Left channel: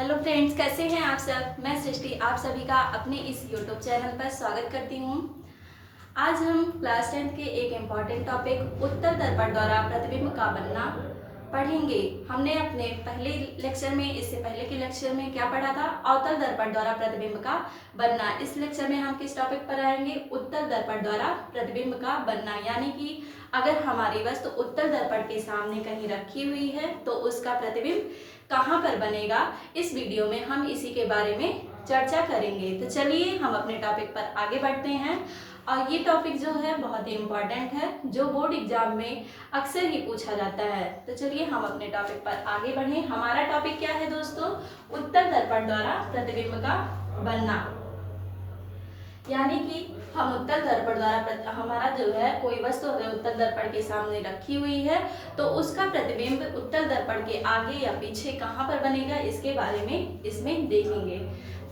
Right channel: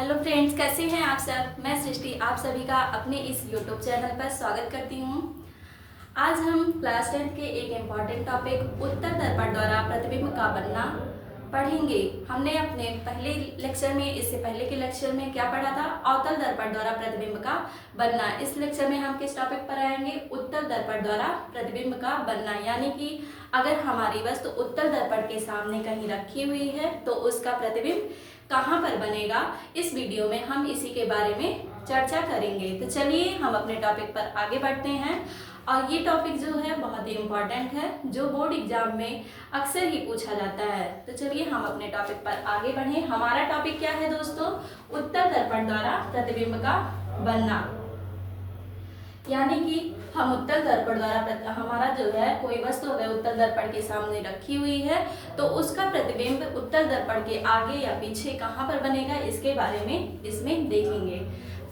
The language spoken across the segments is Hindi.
हेलो फ्रेंड्स, कैसे हैं आप सब। मैं सृष्टि आप सभी का अपने इस यूट्यूब चैनल पर स्वागत करती हूँ। आज हम क्लास 10 के एक इम्पॉर्टेंट टॉपिक उत्तर दर्पण द्वारा प्रतिबिंब का बनना पढ़ेंगे। हमने अपने पहले लेक्चर में, इससे पहले के लेक्चर में क्या पढ़ा था? अवतल दर्पण द्वारा प्रतिबिंब का बनना। इस लेक्चर में हम किस टॉपिक पर आएंगे? उत्तल दर्पण द्वारा प्रतिबिंब का बनना, यानी कि अगर हमारी वस्तु उत्तल दर्पण के सामने कहीं रखी हुई है तो उसका प्रतिबिंब कहाँ पर बनेगा। इस वीडियो में हम इसी के बारे में चर्चा करेंगे। तो चलिए हम अपने टॉपिक पर आगे बढ़ते हैं। और ये टॉपिक जो है बहुत ही इम्पॉर्टेंट है, जो बोर्ड एग्जाम में अक्सर ही पूछा जाता है। तो चलिए हम अपने टॉपिक पर आगे बढ़ें। हमारा टॉपिक क्या है दोस्तों? उत्तल दर्पण द्वारा प्रतिबिंब का बनना। यानी कि हम उत्तल दर्पण द्वारा, हमारा जो है कोई वस्तु अगर उत्तल दर्पण के सामने रखी हुई है तो उसका प्रतिबिंब उत्तल दर्पण के आगे या पीछे कहाँ पर बनेगा, इसके बारे में इसमें देखेंगे।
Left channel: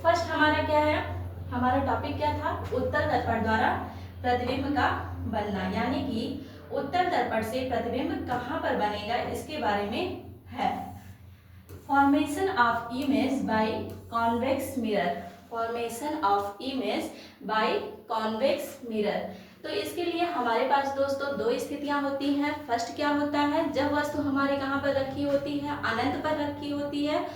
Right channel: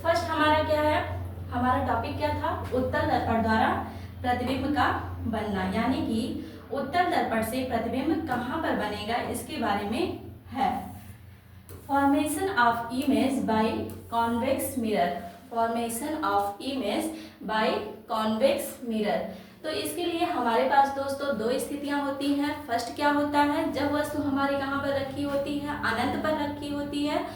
फर्स्ट हमारा क्या है? हमारा टॉपिक क्या था? उत्तल दर्पण द्वारा प्रतिबिंब का बनना, यानी कि उत्तल दर्पण से प्रतिबिंब कहाँ पर बनेगा इसके बारे में है। Formation of image by convex mirror. Formation of image by convex mirror. तो इसके लिए हमारे पास दोस्तों दो स्थितियां होती हैं। फर्स्ट क्या होता है? जब वस्तु हमारे कहाँ पर रखी होती है? अनंत पर रखी होती है।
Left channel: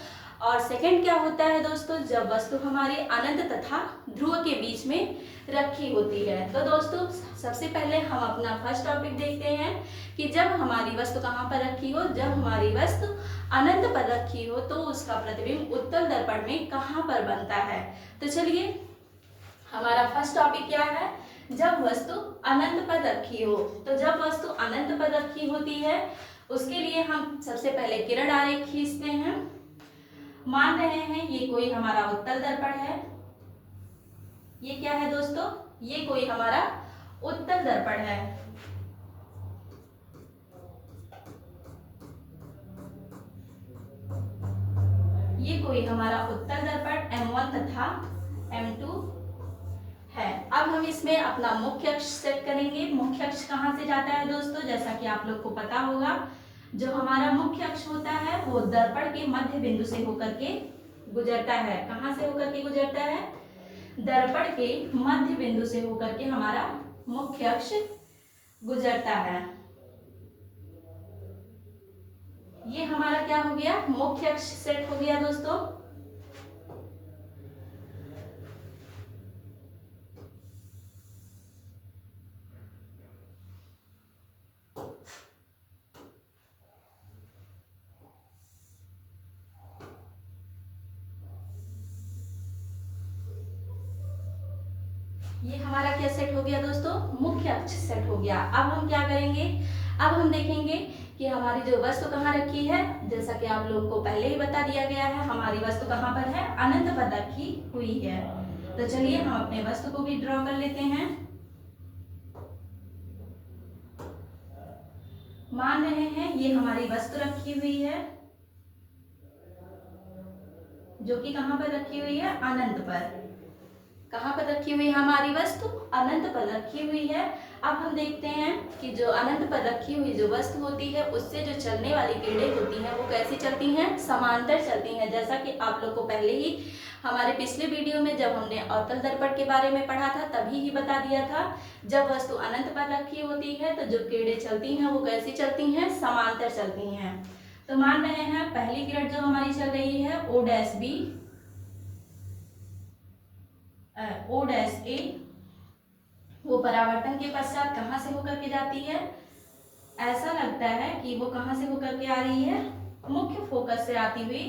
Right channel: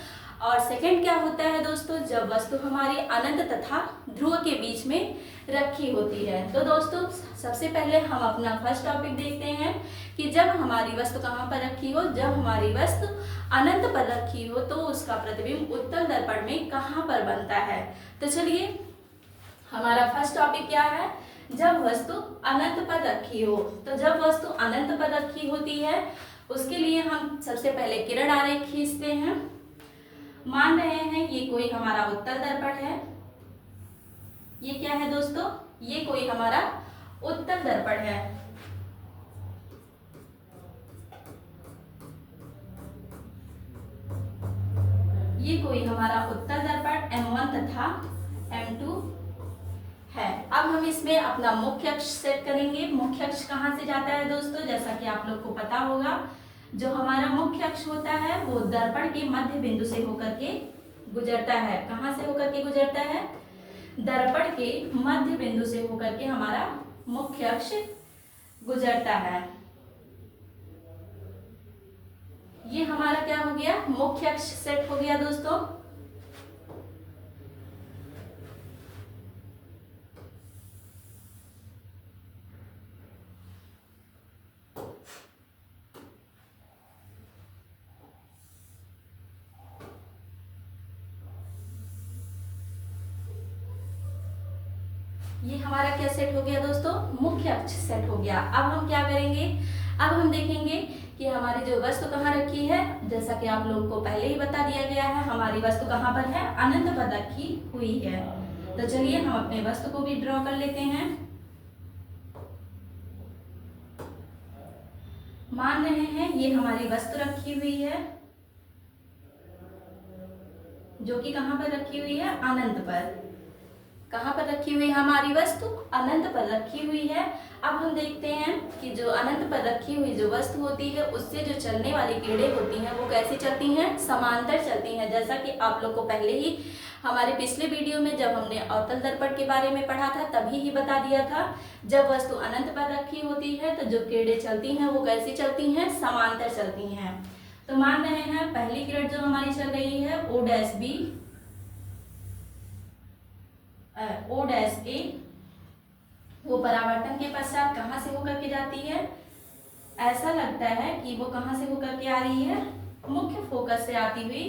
और सेकंड क्या होता है दोस्तों? जब वस्तु हमारी अनंत तथा ध्रुव के बीच में रखी होती है। तो दोस्तों सबसे पहले हम अपना फर्स्ट टॉपिक देखते हैं कि जब हमारी वस्तु कहाँ पर रखी हो। जब हमारी वस्तु अनंत पर रखी हो तो उसका प्रतिबिंब उत्तल दर्पण में कहाँ पर बनता है। तो चलिए हमारा फर्स्ट टॉपिक क्या है? जब वस्तु अनंत पर रखी हो। तो जब वस्तु अनंत पर रखी होती है उसके लिए हम सबसे पहले किरण आरेख खींचते हैं। मान रहे हैं ये कोई हमारा उत्तल दर्पण है। ये क्या है दोस्तों? ये कोई हमारा उत्तल दर्पण है। ये कोई हमारा उत्तल दर्पण M1 तथा M2 है। अब हम इसमें अपना मुख्य अक्ष सेट करेंगे। मुख्य अक्ष कहाँ से जाता है दोस्तों? जैसा कि आप लोग को पता होगा, जो हमारा मुख्य अक्ष होता है वो दर्पण के मध्य बिंदु से होकर के गुजरता है। कहाँ से होकर के गुजरता है? दर्पण के मध्य बिंदु से होकर के हमारा मुख्य अक्ष गुजरता है। ये हमारा क्या हो गया? मुख्य अक्ष सेट हो गया दोस्तों। ये हमारा क्या सेट हो गया दोस्तों? मुख्य अक्ष सेट हो गया। अब हम क्या करेंगे? अब हम देखेंगे कि हमारी जो वस्तु कहाँ रखी है। जैसा कि आप लोगों को पहले ही बता दिया गया है, हमारी वस्तु कहाँ पर है? अनंत पर रखी हुई है। तो चलिए हम अपने वस्तु को भी ड्रॉ कर लेते हैं। मान रहे हैं ये हमारी वस्तु रखी हुई है, जो कि कहाँ पर रखी हुई है? अनंत पर। कहाँ पर रखी हुई है हमारी वस्तु? अनंत पर रखी हुई है। अब हम देखते हैं कि जो अनंत पर रखी हुई जो वस्तु होती है उससे जो चलने वाली किरणें होती हैं वो कैसी चलती हैं? समांतर चलती हैं। जैसा कि आप लोग को पहले ही हमारे पिछले वीडियो में जब हमने अवतल दर्पण के बारे में पढ़ा था तभी ही बता दिया था, जब वस्तु अनंत पर रखी होती है तो जो किरणें चलती हैं वो कैसी चलती हैं? समांतर चलती हैं। तो मान रहे हैं पहली किरण जो हमारी चल रही है O dash B O dash A, वो परावर्तन के पश्चात कहाँ से होकर के जाती है? ऐसा लगता है कि वो कहाँ से होकर के आ रही है? मुख्य फोकस से आती हुई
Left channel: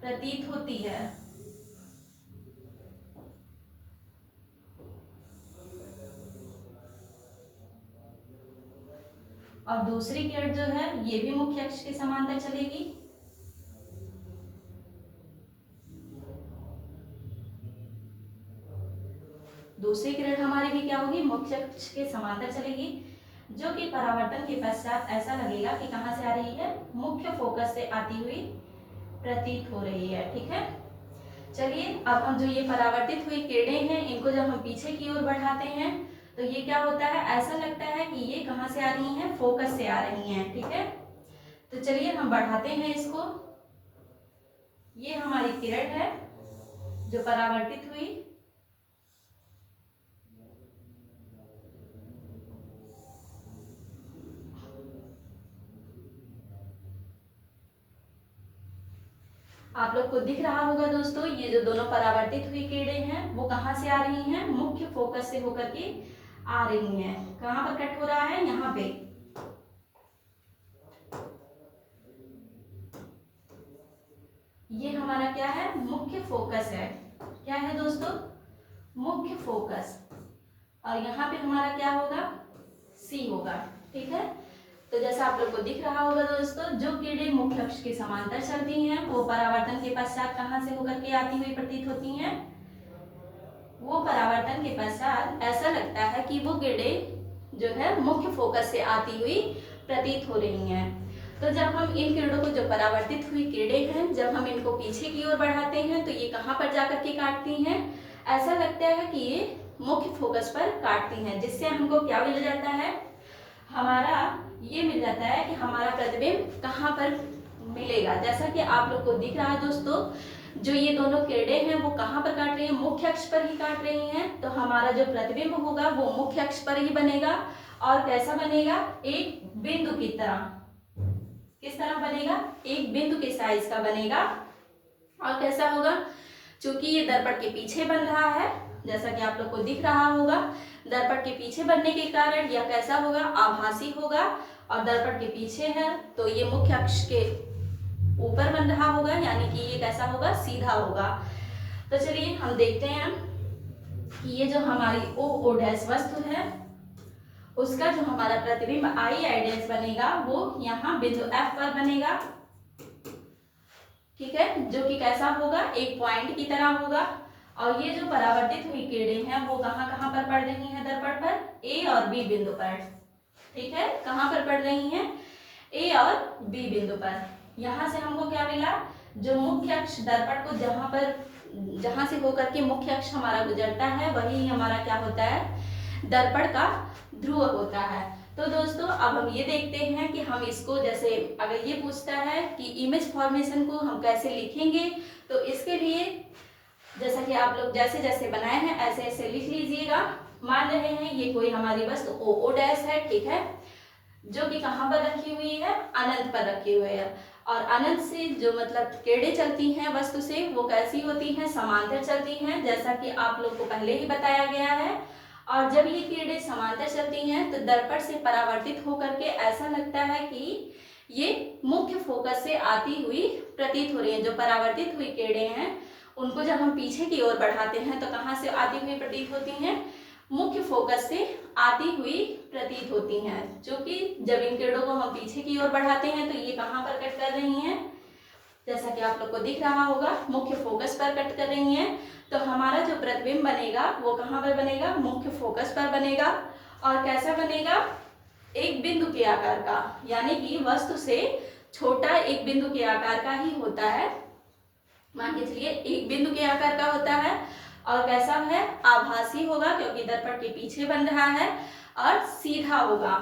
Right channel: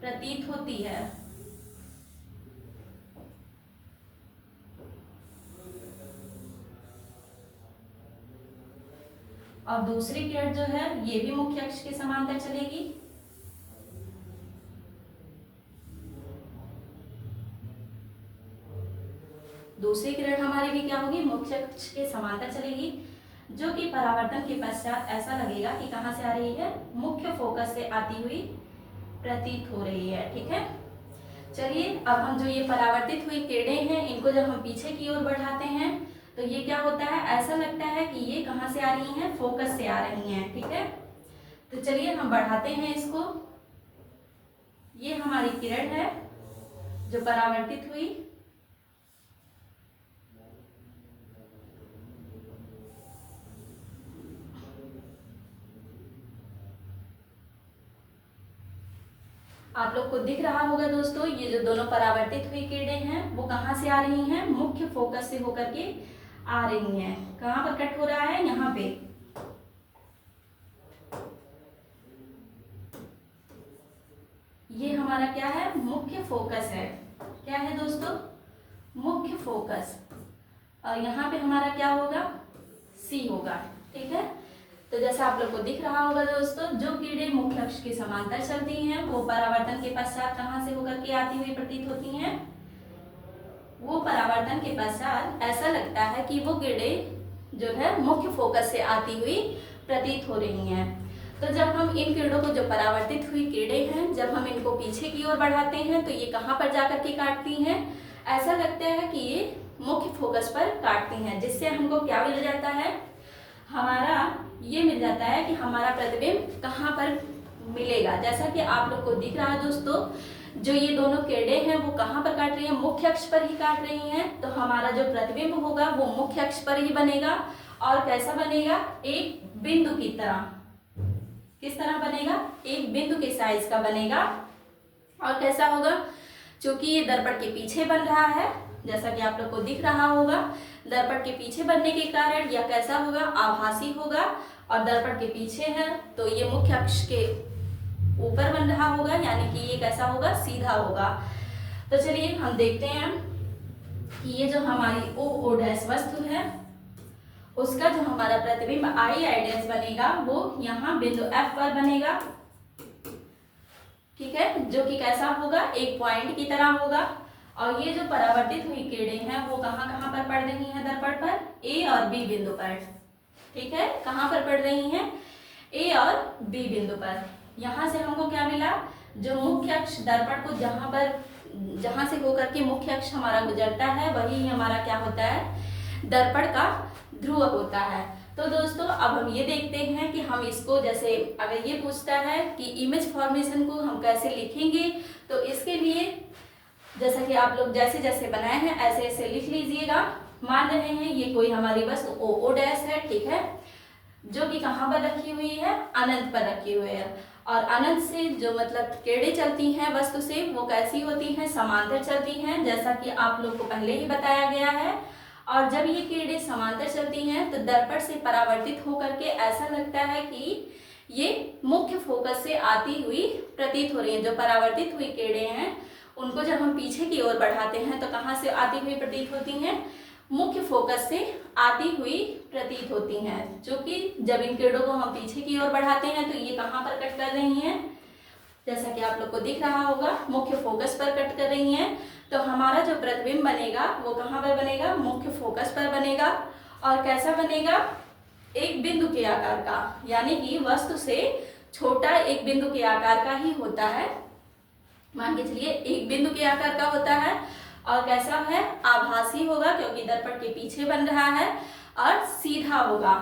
प्रतीत होती है। और दूसरी किरण जो है ये भी मुख्य अक्ष के समांतर चलेगी। दूसरी किरण हमारी भी क्या होगी? मुख्य अक्ष के समांतर चलेगी, जो कि परावर्तन के पश्चात ऐसा लगेगा कि कहाँ से आ रही है? मुख्य फोकस से आती हुई प्रतीत हो रही है। ठीक है, चलिए अब हम जो ये परावर्तित हुई किरणें हैं इनको जब हम पीछे की ओर बढ़ाते हैं तो ये क्या होता है? ऐसा लगता है कि ये कहाँ से आ रही हैं? फोकस से आ रही हैं। ठीक है, तो चलिए हम बढ़ाते हैं इसको। ये हमारी किरण है जो परावर्तित हुई। आप लोग को दिख रहा होगा दोस्तों, ये जो दोनों परावर्तित हुई किरणें हैं वो कहाँ से आ रही हैं, मुख्य फोकस से होकर के आ रही हैं। कहाँ पर कट हो रहा है, यहाँ पे। ये हमारा क्या है, मुख्य फोकस है। क्या है दोस्तों, मुख्य फोकस। और यहाँ पे हमारा क्या होगा, सी होगा। ठीक है, तो जैसा आप लोग को दिख रहा होगा दोस्तों, जो किरणें मुख्य अक्ष के समांतर चलती हैं वो परावर्तन के पश्चात कहाँ से होकर के आती हुई प्रतीत होती हैं। वो परावर्तन के पश्चात ऐसा लगता है कि वो किरणें जो है मुख्य फोकस से आती हुई प्रतीत हो रही हैं। तो जब हम इन किरणों को, जो परावर्तित हुई किरणें हैं, जब हम इनको पीछे की ओर बढ़ाते हैं तो ये कहाँ पर जाकर के काटती हैं, ऐसा लगता है कि ये मुख्य फोकस पर काटती हैं, जिससे हमको क्या मिल जाता है, हमारा ये मिल जाता है कि हमारा प्रतिबिंब कहाँ पर मिलेगा। जैसा कि आप लोग को दिख रहा है दोस्तों, जो ये दोनों किरणें हैं वो कहाँ पर काट रही हैं, मुख्य अक्ष पर ही काट रही हैं। तो हमारा जो प्रतिबिंब होगा वो मुख्य अक्ष पर ही बनेगा। और कैसा बनेगा, एक बिंदु की तरह। किस तरह बनेगा, एक बिंदु के साइज का बनेगा। और कैसा होगा, क्योंकि ये दर्पण के पीछे बन रहा है, जैसा कि आप लोग को दिख रहा होगा, दर्पण के पीछे बनने के कारण यह कैसा होगा, आभासी होगा। और दर्पण के पीछे है तो ये मुख्य अक्ष के ऊपर बन रहा होगा, यानी कि ये कैसा होगा, सीधा होगा। तो चलिए हम देखते हैं कि ये जो हमारी ओ डैश वस्तु है उसका जो हमारा प्रतिबिंब आई डैश बनेगा वो यहाँ बिंदु F पर बनेगा। ठीक है, जो कि कैसा होगा, एक पॉइंट की तरह होगा। और ये जो परावर्तित हुई किरणें हैं वो कहाँ कहाँ पर पड़ रही हैं दर्पण पर, A और B बिंदु पर। ठीक है, कहाँ पर पड़ रही हैं, A और B बिंदु पर। यहाँ से हमको क्या मिला, जो मुख्य अक्ष दर्पण को जहाँ से होकर के मुख्य अक्ष हमारा गुजरता है वही हमारा क्या होता है, दर्पण का ध्रुव होता है। तो दोस्तों अब हम ये देखते हैं कि हम इसको, जैसे अगर ये पूछता है कि इमेज फॉर्मेशन को हम कैसे लिखेंगे, तो इसके लिए जैसा कि आप लोग जैसे जैसे बनाए हैं ऐसे ऐसे लिख लीजिएगा। मान रहे हैं ये कोई हमारी वस्तु ओ डैश है, ठीक है, जो कि कहाँ पर रखी हुई है, अनंत पर रखी हुई है। और अनंत से जो मतलब किरणें चलती हैं वस्तु से वो कैसी होती हैं, समांतर चलती हैं, जैसा कि आप लोग को पहले ही बताया गया है। और जब ये किरणें समांतर चलती हैं तो दर्पण से परावर्तित होकर के ऐसा लगता है कि ये मुख्य फोकस से आती हुई प्रतीत हो रही है। जो परावर्तित हुई किरणें हैं उनको जब हम पीछे की ओर बढ़ाते हैं तो कहाँ से आती हुई प्रतीत होती हैं, मुख्य फोकस से आती हुई प्रतीत होती हैं। जो कि जब इन किरणों को हम पीछे की ओर बढ़ाते हैं तो ये कहाँ पर कट कर रही हैं, जैसा कि आप लोग को दिख रहा होगा, मुख्य फोकस पर कट कर रही हैं। तो हमारा जो प्रतिबिंब बनेगा वो कहाँ पर बनेगा, मुख्य फोकस पर बनेगा। और कैसा बनेगा, एक बिंदु के आकार का, यानी कि वस्तु से छोटा एक बिंदु के आकार का ही होता है। मान के चलिए एक बिंदु के आकार का होता है। और कैसा है, आभासी होगा क्योंकि दर्पण के पीछे बन रहा है। और सीधा होगा।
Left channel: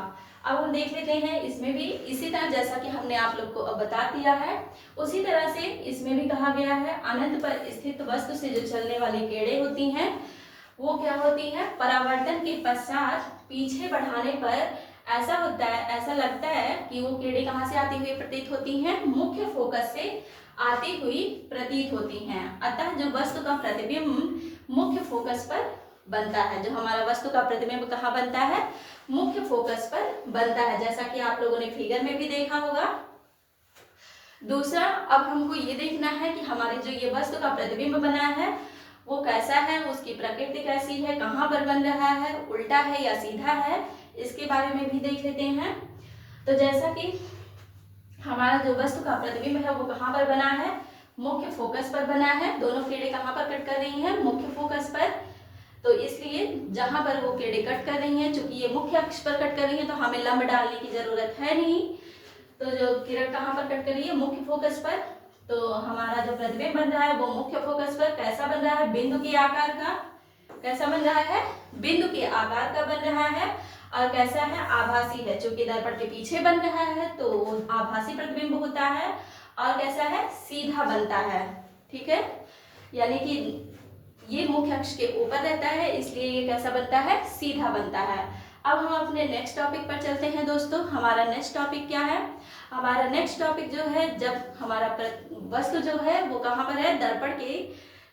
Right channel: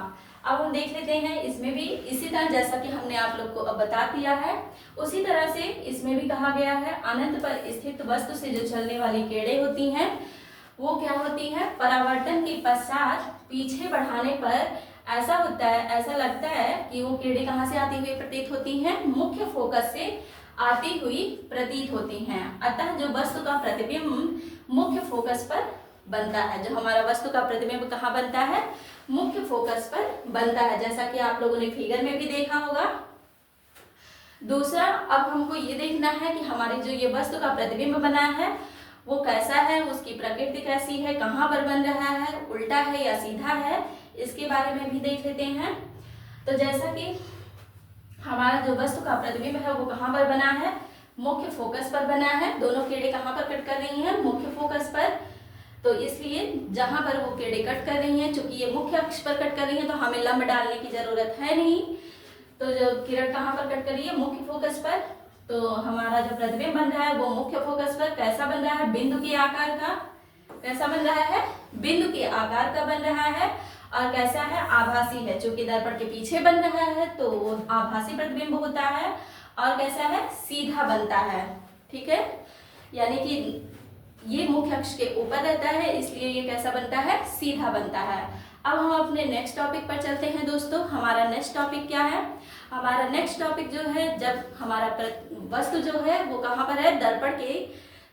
अब हम देख लेते हैं इसमें भी इसी तरह, जैसा कि हमने आप लोग को अब बता दिया है उसी तरह से इसमें भी कहा गया है, अनंत पर स्थित वस्तु से जो चलने वाली किरणें होती हैं वो क्या होती हैं, परावर्तन के पश्चात पीछे बढ़ाने पर ऐसा होता है, ऐसा लगता है कि वो किरणें कहाँ से आती हुई प्रतीत होती हैं, मुख्य फोकस से आती हुई प्रतीत होती हैं। अतः जो वस्तु का प्रतिबिंब मुख्य फोकस पर बनता है, जो हमारा वस्तु का प्रतिबिंब कहाँ बनता है, मुख्य फोकस पर बनता है, जैसा कि आप लोगों ने फिगर में भी देखा होगा। दूसरा, अब हमको ये देखना है कि हमारी जो ये वस्तु का प्रतिबिंब बना है वो कैसा है, उसकी प्रकृति कैसी है, कहाँ पर बन रहा है, उल्टा है या सीधा है, इसके बारे में भी देख लेते हैं। तो जैसा कि हमारा जो वस्तु का प्रतिबिंब है वो कहाँ पर बना है, मुख्य फोकस पर बना है। दोनों किरणें कहाँ पर कट कर रही हैं, मुख्य फोकस पर। तो इसलिए जहां पर वो किरणें कट कर रही हैं, चूंकि ये मुख्य अक्ष पर कट कर रही हैं तो हमें लंब डालने की जरूरत है नहीं। तो जो किरण कहाँ पर कट कर रही है, मुख्य फोकस पर। तो हमारा जो प्रतिबिंब बन रहा है वो मुख्य फोकस पर कैसा बन रहा है, बिंदु के आकार का। कैसा बन रहा है, बिंदु के आकार का बन रहा है। और कैसा है, आभासी है, चूंकि दर्पण के पीछे बन रहा है तो आभासी प्रतिबिंब होता है। और कैसा है, सीधा बनता है। ठीक है, यानी कि ये मुख्य अक्ष के ऊपर रहता है, इसलिए ये कैसा बनता है, सीधा बनता है। अब हम अपने नेक्स्ट टॉपिक पर चलते हैं दोस्तों। हमारा नेक्स्ट टॉपिक क्या है? हमारा नेक्स्ट टॉपिक जो है, जब हमारा वस्तु जो है वो कहाँ पर है, दर्पण के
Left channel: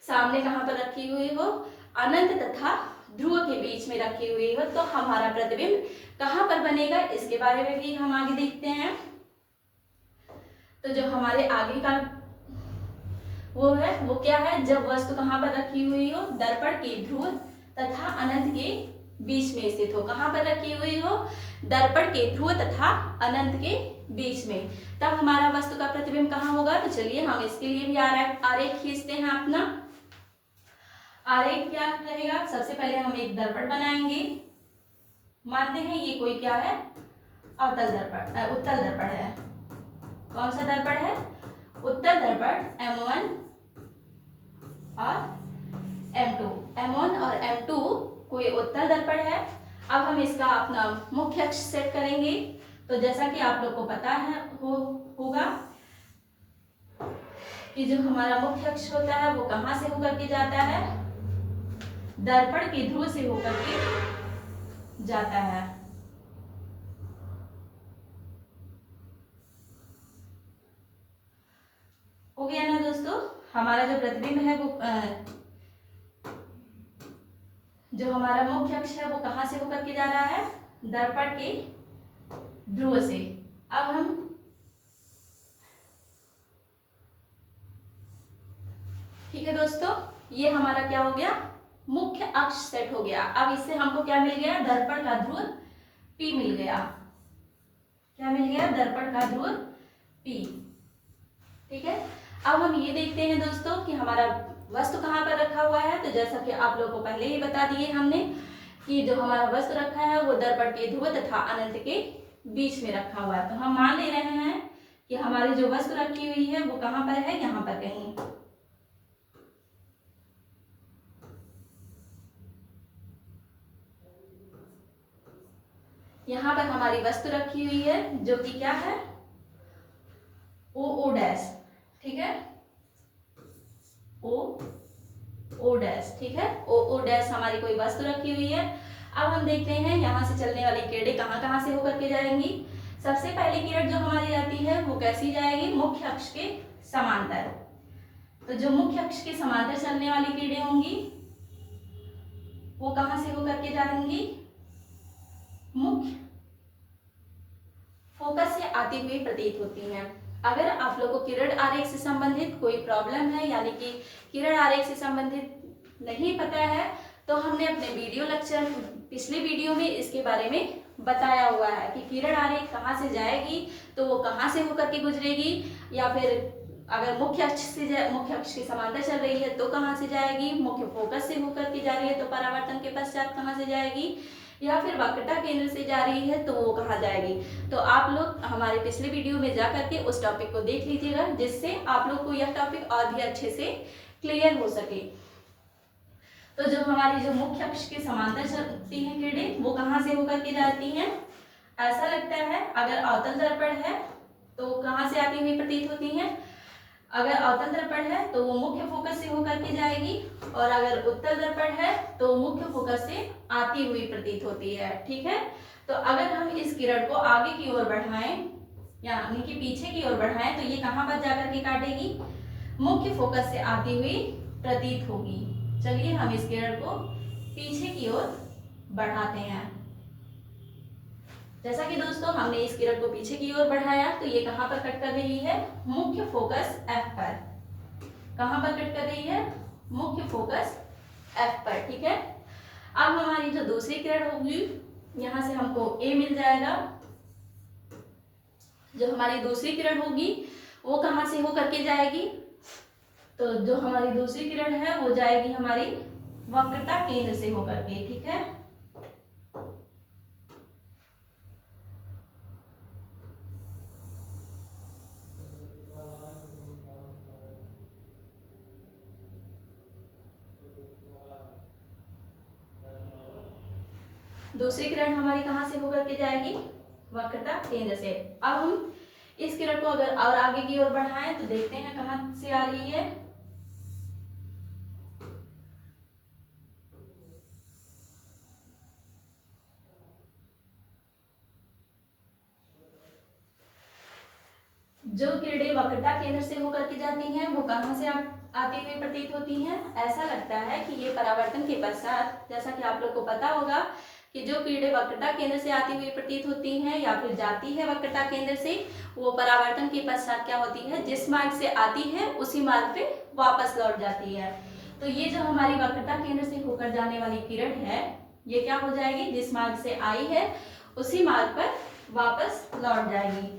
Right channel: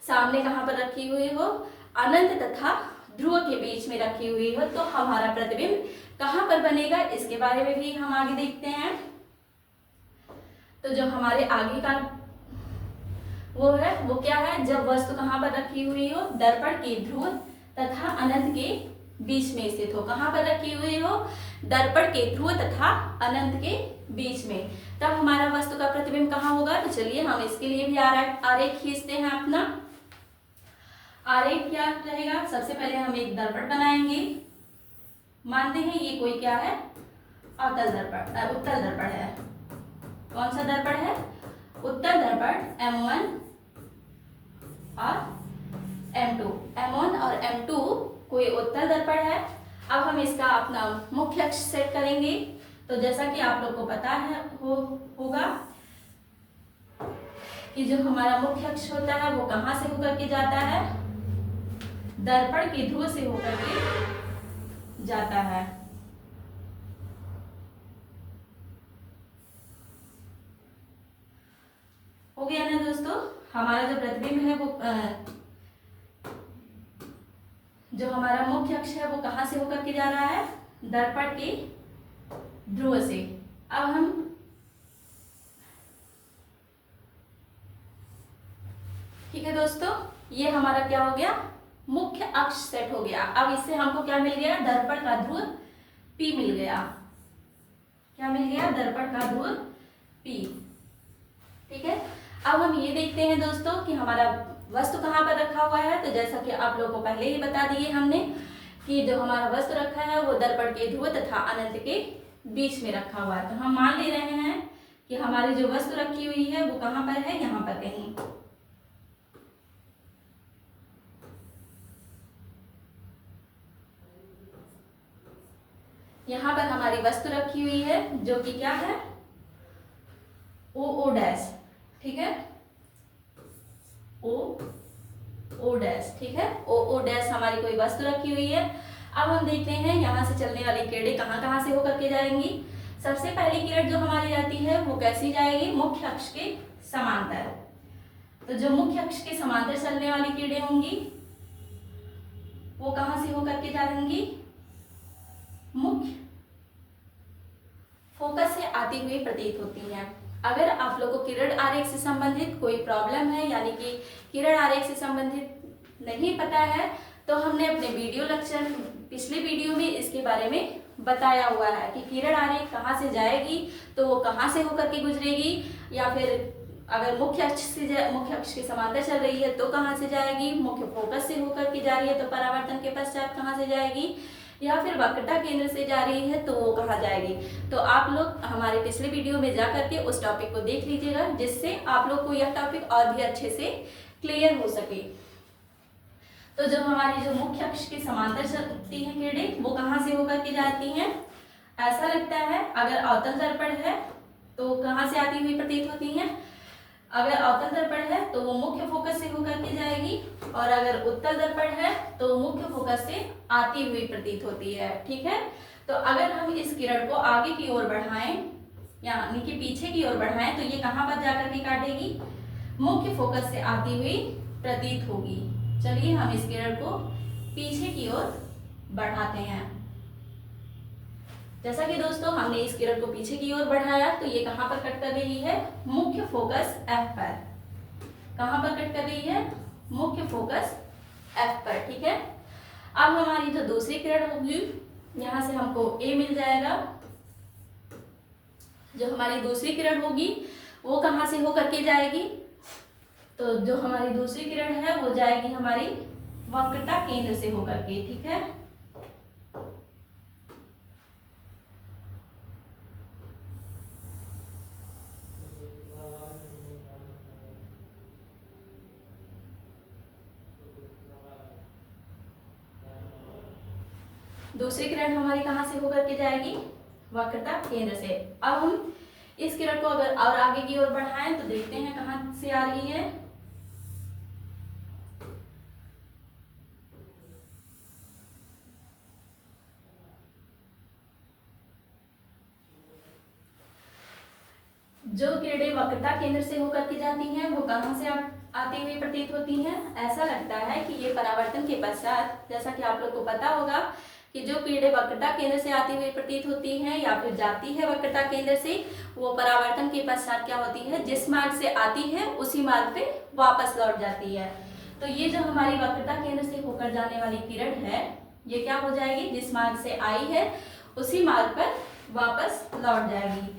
सामने कहाँ पर रखी हुई हो, अनंत तथा ध्रुव के बीच में रखी हुई हो, तो हमारा प्रतिबिंब कहाँ पर बनेगा, इसके बारे में भी हम आगे देखते हैं। तो जो हमारे आगे का वो है, वो क्या है, जब वस्तु कहाँ पर रखी हुई हो, दर्पण के ध्रुव तथा अनंत के बीच में स्थित हो। कहाँ पर रखी हुई हो, दर्पण के ध्रुव तथा अनंत के बीच में, तब हमारा वस्तु का प्रतिबिंब कहाँ होगा। तो चलिए हम इसके लिए भी आरेख खींचते हैं अपना। आरेख क्या रहेगा, सबसे पहले हम एक दर्पण बनाएंगे। मानते हैं ये कोई क्या है, अवतल दर्पण, उत्तल दर्पण है। कौन सा दर्पण है, उत्तल दर्पण M1 और M2। M1 और M2 कोई उत्तल दर्पण है। अब हम इसका अपना मुख्य अक्ष सेट करेंगे। तो जैसा कि आप लोग को पता है होगा कि जो हमारा मुख्य अक्ष होता है वो कहाँ से होकर के जाता है, दर्पण के ध्रुव से होकर के जाता है। हो गया ना दोस्तों। हमारा जो प्रतिबिंब है वो जो हमारा मुख्य अक्ष है वो कहाँ से होकर के जा रहा है, दर्पण के ध्रुव से। अब हम ठीक है दोस्तों, ये हमारा क्या हो गया, मुख्य अक्ष सेट हो गया। अब इससे हमको क्या मिल गया, दर्पण का ध्रुव P मिल गया। क्या मिल गया, दर्पण का ध्रुव P। ठीक है, अब हम ये देखते हैं दोस्तों कि हमारा वस्तु कहाँ पर रखा हुआ है। तो जैसा कि आप लोगों को पहले ही बता दिए हमने कि जो हमारा वस्तु रखा है वो दर्पण के ध्रुव तथा अनंत के बीच में रखा हुआ है। तो हम मान ले रहे हैं कि हमारी जो वस्तु रखी हुई है वो कहाँ पर है, यहाँ पर कहीं। यहाँ पर हमारी वस्तु रखी हुई है जो कि क्या है, ओ डैश। ठीक है, ओ डैश। ठीक है, ओ डैश हमारी कोई वस्तु रखी हुई है। अब हम देखते हैं यहाँ से चलने वाली किरणें कहाँ से होकर के जाएंगी। सबसे पहली किरण जो हमारी आती है वो कैसी जाएगी, मुख्य अक्ष के समांतर। तो जो मुख्य अक्ष के समांतर चलने वाली किरणें होंगी वो कहाँ से होकर के जाएंगी, मुख्य फोकस से आती हुई प्रतीत होती है। अगर आप लोग को किरण आरेख से संबंधित कोई प्रॉब्लम है, यानी कि किरण आरेख से संबंधित नहीं पता है, तो हमने अपने वीडियो लेक्चर पिछले वीडियो में इसके बारे में बताया हुआ है कि किरण आरेख कहाँ से जाएगी, तो वो कहाँ से होकर के गुजरेगी, या फिर अगर मुख्य अक्ष के समांतर चल रही है तो कहाँ से जाएगी, मुख्य फोकस से होकर के जा रही है तो परावर्तन के पश्चात कहाँ से जाएगी, या फिर वक्रता केंद्र से जा रही है तो वो कहाँ जाएगी। तो आप लोग हमारे पिछले वीडियो में जा करके उस टॉपिक को देख लीजिएगा, जिससे आप लोग को यह टॉपिक और भी अच्छे से क्लियर हो सके। तो जो हमारी जो मुख्य अक्ष के समांतर चलती हैं किरणें वो कहाँ से होकर के जाती हैं, ऐसा लगता है अगर अवतल दर्पण है तो कहाँ से आती हुई प्रतीत होती हैं। अगर अवतल दर्पण है तो वो मुख्य फोकस से होकर के जाएगी, और अगर उत्तल दर्पण है तो मुख्य फोकस से आती हुई प्रतीत होती है। ठीक है, तो अगर हम इस किरण को आगे की ओर बढ़ाएं, यानी कि पीछे की ओर बढ़ाएं, तो ये कहाँ पर जाकर के काटेगी, मुख्य फोकस से आती हुई प्रतीत होगी। चलिए हम इस किरण को पीछे की ओर बढ़ाते हैं। जैसा कि दोस्तों हमने इस किरण को पीछे की ओर बढ़ाया तो ये कहाँ पर कट कर रही है, मुख्य फोकस F पर। कहाँ पर कट कर रही है, मुख्य फोकस F पर। ठीक है, अब हमारी जो दूसरी किरण होगी, यहाँ से हमको A मिल जाएगा। जो हमारी दूसरी किरण होगी वो कहाँ से होकर के जाएगी, तो जो हमारी दूसरी किरण है वो जाएगी हमारी वक्रता केंद्र से होकर के। ठीक है, दूसरी किरण हमारी कहाँ से होकर के जाएगी, वक्रता केंद्र से। अब हम इस किरण को अगर और आगे की ओर बढ़ाएं तो देखते हैं कहाँ से आ रही है, जो किरणें वक्रता केंद्र से होकर के जाती हैं वो कहाँ से आती हुई प्रतीत होती हैं? ऐसा लगता है कि ये परावर्तन के पश्चात, जैसा कि आप लोग को पता होगा कि जो किरणें वक्रता केंद्र से आती हुई प्रतीत होती हैं या फिर जाती है वक्रता केंद्र से, वो परावर्तन के पश्चात क्या होती है, जिस मार्ग से आती है उसी मार्ग पे वापस लौट जाती है। तो ये जो हमारी वक्रता केंद्र से होकर जाने वाली किरण है, ये क्या हो जाएगी, जिस मार्ग से आई है उसी मार्ग पर वापस लौट जाएगी।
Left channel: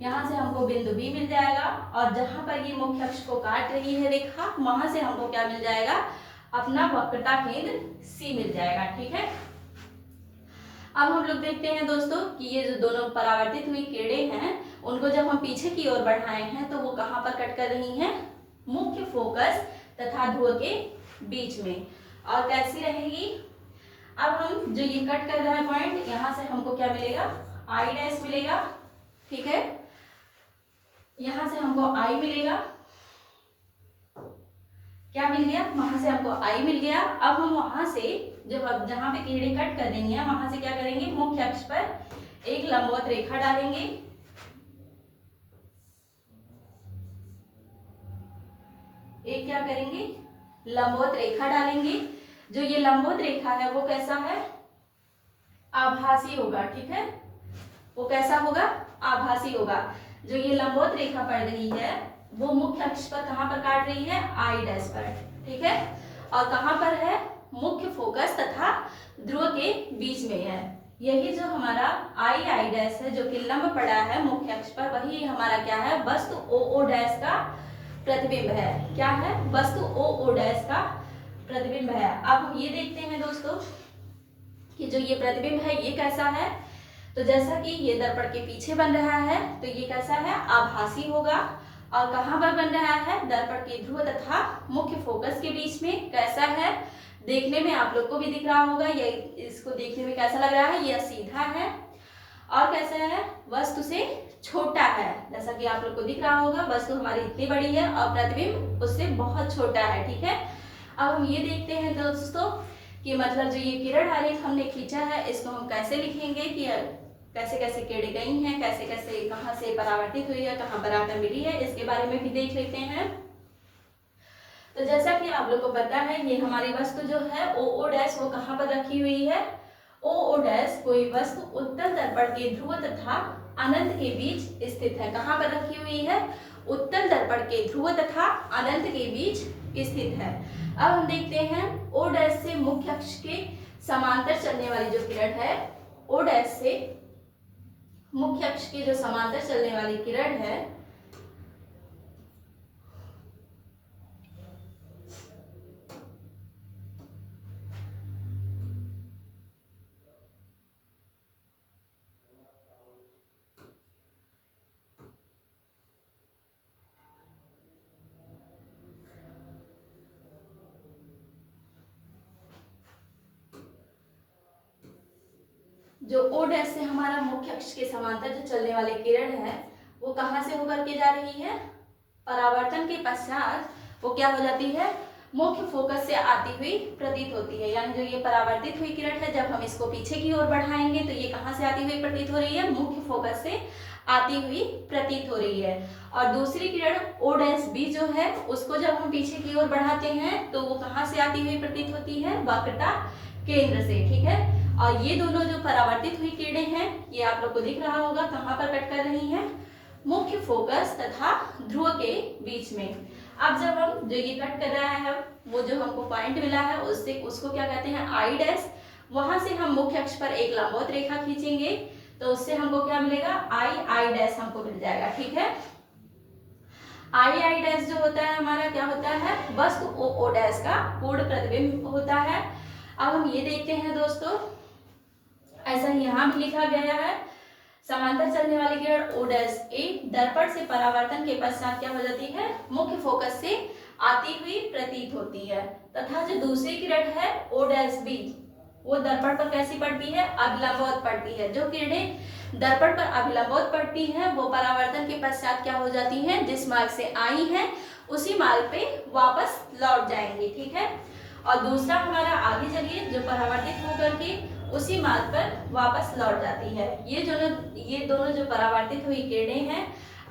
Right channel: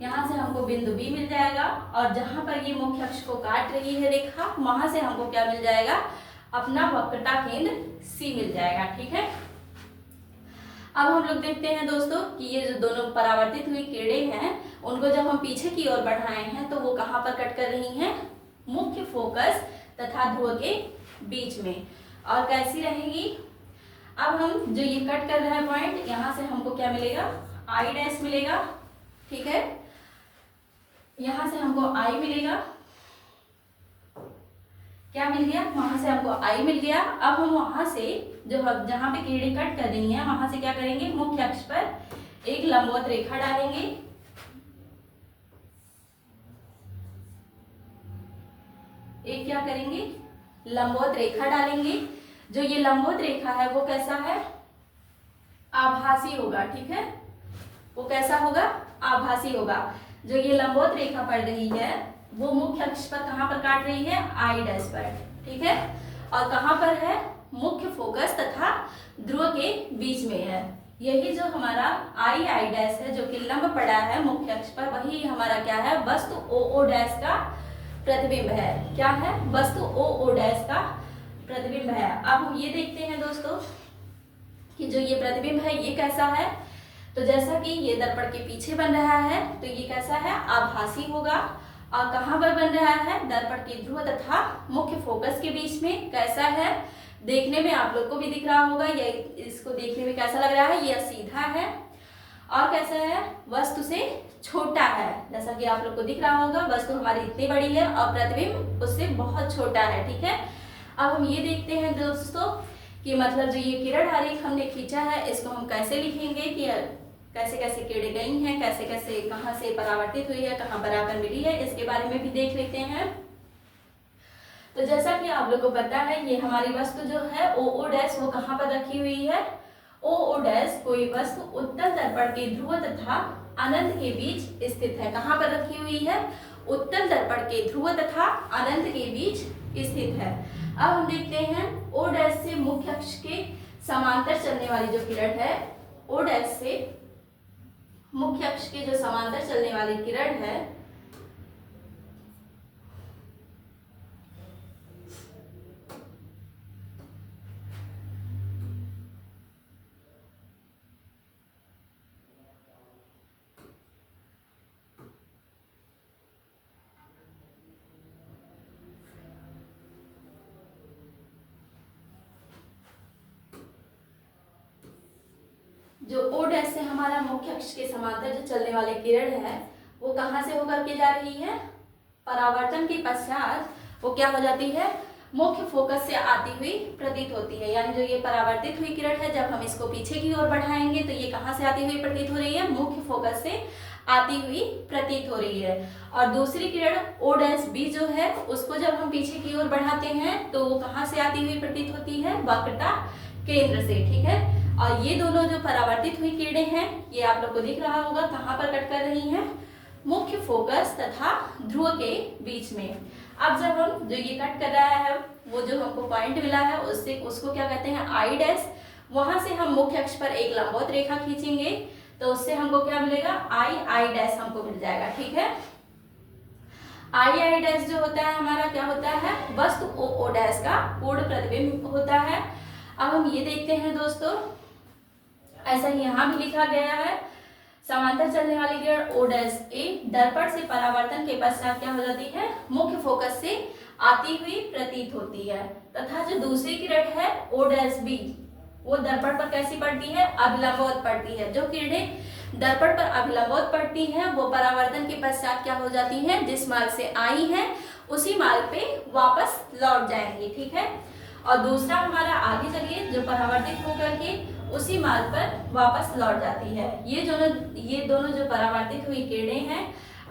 यहाँ से हमको बिंदु बी मिल जाएगा और जहां पर ये मुख्य अक्ष को काट रही है रेखा, वहां से हमको क्या मिल जाएगा, अपना वक्रता केंद्र सी मिल जाएगा। ठीक है, अब हम लोग देखते हैं दोस्तों कि ये जो दोनों परावर्तित हुई किरणें हैं, उनको जब हम पीछे की ओर बढ़ाए हैं तो वो कहाँ पर कट कर रही हैं, मुख्य फोकस तथा ध्रुव के बीच में। और कैसी रहेगी, अब हम जो ये कट कर रहे हैं पॉइंट, यहाँ से हमको क्या मिलेगा, आई डैश मिलेगा। ठीक है, यहां से हमको आई मिलेगा, क्या मिल गया, वहां से हमको आई मिल गया। अब हम वहां से जब जहां पे किरणें कट कर रही हैं वहां से क्या करेंगे, मुख्य अक्ष पर एक लंबवत रेखा डालेंगे। एक क्या करेंगे, लंबवत रेखा डालेंगे। जो ये लंबवत रेखा है वो कैसा है, आभासी होगा। ठीक है, वो कैसा होगा, आभासी होगा। जो ये लंबवत रेखा पड़ रही है वो मुख्य अक्ष पर कहां पर काट रही है, आई डैश पर। ठीक है, और कहां पर है, मुख्य फोकस तथा ध्रुव के बीच में है। यही जो हमारा आई डैश है जो कि लंब पड़ा है मुख्य अक्ष पर, वही हमारा क्या है, वस्तु ओ डैश का प्रतिबिंब है। क्या है, वस्तु ओ डैश का प्रतिबिंब है। अब हम ये देखते हैं दोस्तों कि जो ये प्रतिबिंब है ये कैसा है। तो जैसा कि ये दर्पण के पीछे बन रहा है तो ये कैसा है, आभासी होगा। और कहां पर बन रहा है, दर्पण के ध्रुव तथा मुख्य फोकस के बीच में। कैसा है, देखने में आप लोग को भी दिख रहा होगा, ये इसको देखने में कैसा लग रहा है, यह सीधा है। और कैसा है, वस्तु से छोटा है। जैसा कि आप लोग को दिख रहा होगा, वस्तु हमारी इतनी बड़ी है और प्रतिबिंब उससे बहुत छोटा है। ठीक है, अब हम ये देखते हैं दोस्तों कि मतलब जो ये किरण आरेख हमने खींचा है इसको हम कैसे लिखेंगे, कि कैसे कैसे किरणें गई हैं, कैसे कैसे कहाँ से परावर्तित हुई है, कहाँ पर आकर मिली है, इसके बारे में भी देख लेते हैं। तो जैसा कि आप लोग को पता है, ये हमारी वस्तु जो है ओ डैश वो कहाँ पर रखी हुई है, ओ डैश कोई वस्तु उत्तर दर्पण के ध्रुव तथा अनंत के बीच स्थित है। कहाँ पर रखी हुई है, उत्तर दर्पण के ध्रुव तथा अनंत के बीच स्थित है। अब हम देखते हैं ओ डैश से मुख्य अक्ष के समांतर चलने वाली जो किरण है, ओ डैश से मुख्य अक्ष के जो समांतर चलने वाली किरण है, जो ओ डैश से हमारा मुख्य अक्ष के समांतर जो चलने वाली किरण है वो कहां से होकर के जा रही है, परावर्तन के पश्चात वो क्या हो जाती है, मुख्य फोकस से आती हुई प्रतीत होती है। यानी जो ये परावर्तित हुई किरण है, जब हम इसको पीछे की ओर बढ़ाएंगे तो ये कहां से आती हुई प्रतीत हो रही है, मुख्य फोकस से आती हुई प्रतीत हो रही है। और दूसरी किरण ओ डैश बी जो है उसको जब हम पीछे की ओर बढ़ाते हैं तो वो कहां से आती हुई प्रतीत होती है, वक्रता केंद्र से। ठीक है, और ये दोनों जो परावर्तित हुई किरणें हैं ये आप लोग को दिख रहा होगा कहाँ पर कट कर रही हैं, मुख्य फोकस तथा ध्रुव के बीच में। अब जब हम जो ये कट कर रहा है वो जो हमको पॉइंट मिला है उससे उसको क्या कहते हैं, आई डैश। वहां से हम मुख्य अक्ष पर एक लंबवत रेखा खींचेंगे तो उससे हमको क्या मिलेगा, आई डैश हमको मिल जाएगा। ठीक है, आई डैश जो होता है हमारा क्या होता है, वस्तु ओ डैश का पूर्ण प्रतिबिंब होता है। अब हम ये देखते हैं दोस्तों, ऐसा ही यहाँ भी लिखा गया है, समांतर चलने वाली किरण ओ डैश ए दर्पण से परावर्तन के पश्चात क्या हो जाती है, मुख्य फोकस से आती हुई प्रतीत होती है। तथा जो दूसरी किरण है ओ डैश बी वो दर्पण पर कैसी पड़ती है, अभिलंबवत पड़ती है। जो किरणें दर्पण पर अभिलंबवत पड़ती हैं वो परावर्तन के पश्चात क्या हो जाती हैं, जिस मार्ग से आई हैं उसी मार्ग पे वापस लौट जाएंगी। ठीक है, और दूसरा हमारा आगे चलिए जो परावर्तित होकर के उसी मार्ग पर वापस लौट जाती है। ये दोनों जो परावर्तित हुई किरणें हैं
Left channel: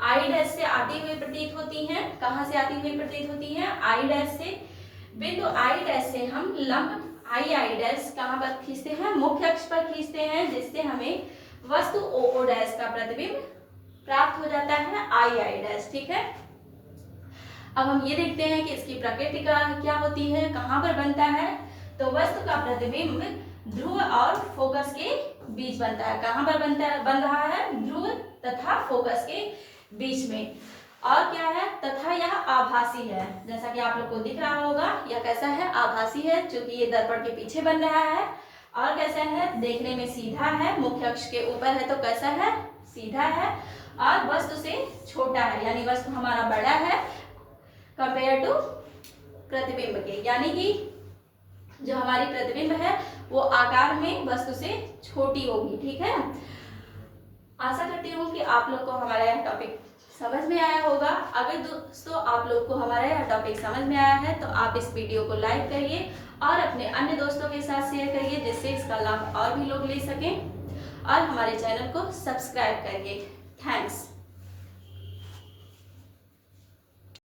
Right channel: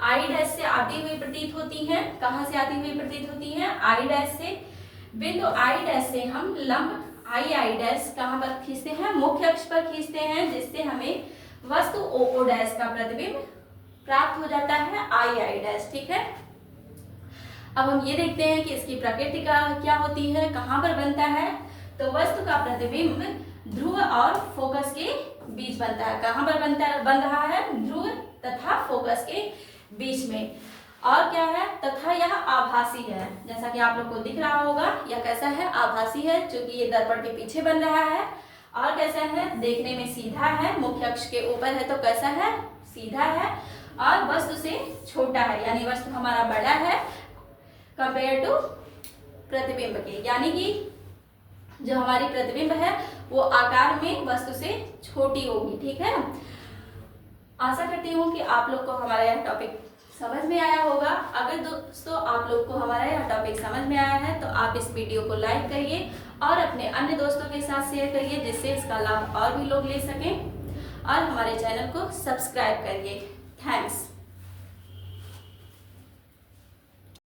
आई डैश से आती हुई प्रतीत होती हैं। कहाँ से आती हुई प्रतीत होती हैं? आई डैश से। बिंदु आई डैश से हम लंब आई डैश कहाँ पर खींचते हैं? मुख्य अक्ष पर खींचते हैं, जिससे हमें वस्तु ओ डैश का प्रतिबिंब प्राप्त हो जाता है आई डैश। ठीक है, अब हम ये देखते हैं कि इसकी प्रकृति का क्या होती है, कहाँ पर बनता है। तो वस्तु का प्रतिबिंब ध्रुव और फोकस के बीच बनता है। कहाँ पर बन रहा है? ध्रुव तथा फोकस के बीच में। और क्या है? तथा यह आभासी है। जैसा कि आप लोग को दिख रहा होगा, यह कैसा है? आभासी है, क्योंकि ये दर्पण के पीछे बन रहा है। और कैसा है? देखने में सीधा है, मुख्य अक्ष के ऊपर है तो कैसा है? सीधा है। और वस्तु से छोटा है, यानी वस्तु हमारा बड़ा है कंपेयर टू प्रतिबिंब के, यानी कि जो हमारी प्रतिबिंब है वो आकार में वस्तु से छोटी होगी। ठीक है, आशा करती हूँ कि आप लोग को हमारा यह टॉपिक समझ में आया होगा। अगर दोस्तों आप लोग को हमारा यह टॉपिक समझ में आया है तो आप इस वीडियो को लाइक करिए और अपने अन्य दोस्तों के साथ शेयर करिए, जिससे इसका लाभ और भी लोग ले सकें। और हमारे चैनल को सब्सक्राइब करिए। थैंक्स।